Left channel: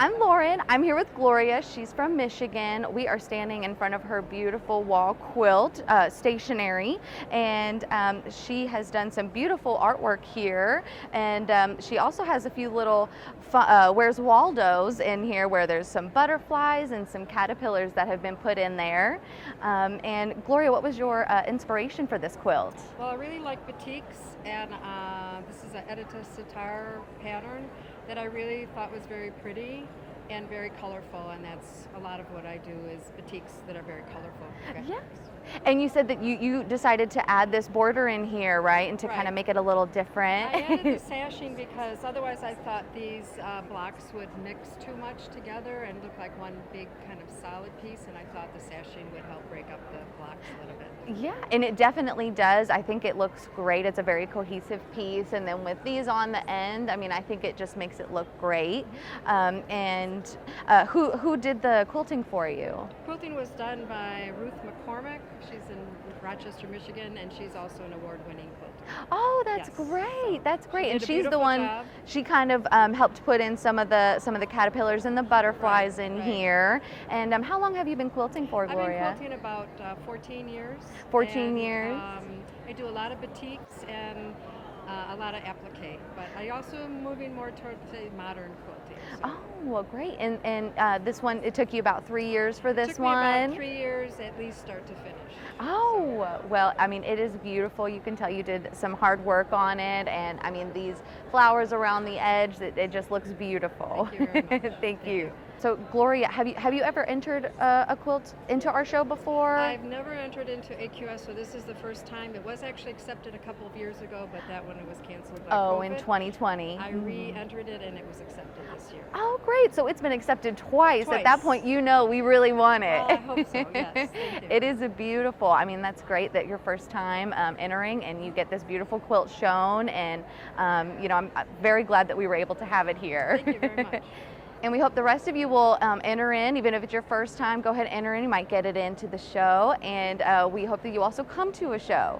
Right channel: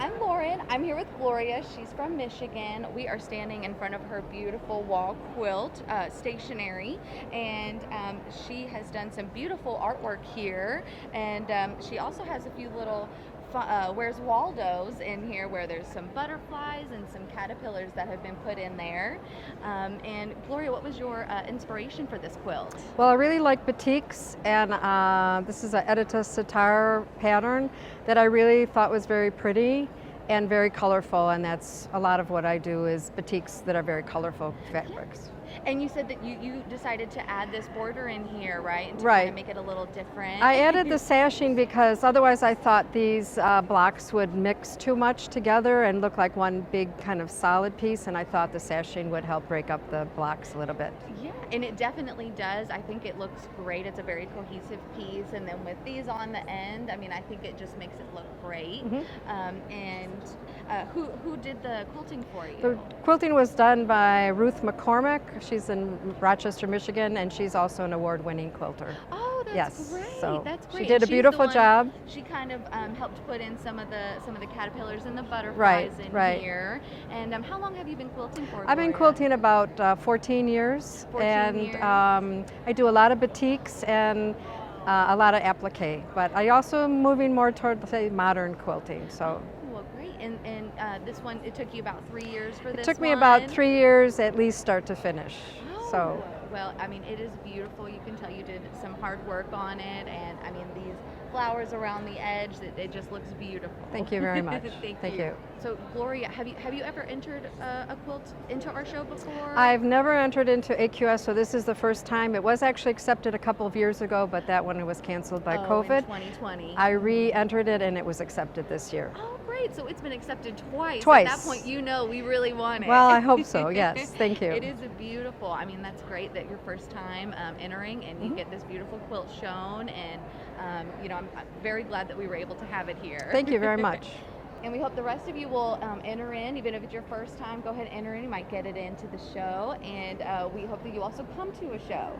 I'm Lauren. I'm here with Gloria. She's from Michigan. We are standing in front of her beautiful wall quilt stationery, and she has done some beautiful artwork here. And she also has a few little Where's Waldo's in here, where there's some butterflies and some caterpillars that have been put in there. And Gloria, what was your inspiration for this quilt? Well, I really like batiks, and this is an Edyta Sitar pattern that I really thought was very pretty and very colorful, and that's a lot of what I do is batiks that are very colorful fabrics. Yeah. And you said that you decided to add this border in here, right? And to kind of make it a little different. I added the sashing because otherwise I thought these blocks would mix too much together and look like one big kind of solid piece, and I thought the sashing would help break up the blocks a little bit. Yeah, and it definitely does. I think it looks great. It's a very cohesive piece, and then with these on the end, I mean, I think it just makes it look great. Who did the quilting for you? The quilting was done by Ruth McCormick. She's in Rochester, Michigan, and she's also an award-winning quilter. Oh, that's great. So that's great. She did a beautiful job. She kind of helped put in some of the caterpillars and the butterflies in here. And how long have you been quilting for, Gloria? I've been quilting about 14 years. 14 years. I do a lot of batiks and a lot of appliqué, but I also am moving more toward, say, modern quilting. So. Oh, well, great. And this one, it took you about 3 years for this one? It took me about 3 years at least start to finish. Oh, well, I mean, it is beautiful. You can tell you did some hard work on it, and I mean, these flowers around the edge, it just looks beautiful. Thank you very much. Thank you. So, Gloria, have you ever entered a quilt into our show before? I've never entered into AQS, so this is the first time. It was actually accepted a couple of years ago, but that one was canceled by COVID. In 2020. I re-entered it, and it was accepted this year. Oh, great. So it's been accepted twice. At that point, you know we really want it. Well, I hope so, yes. Thank you. It is a beautiful, I mean, that's great that your first time entering, and you get this beautiful quilt shown, and you know, I'm very glad that we were able to have it here. Thank you very much. And we hope the rest of you will enter in, even if it's your first time, go ahead and enter in. You might get it into the show, and we hope that you also come to a show.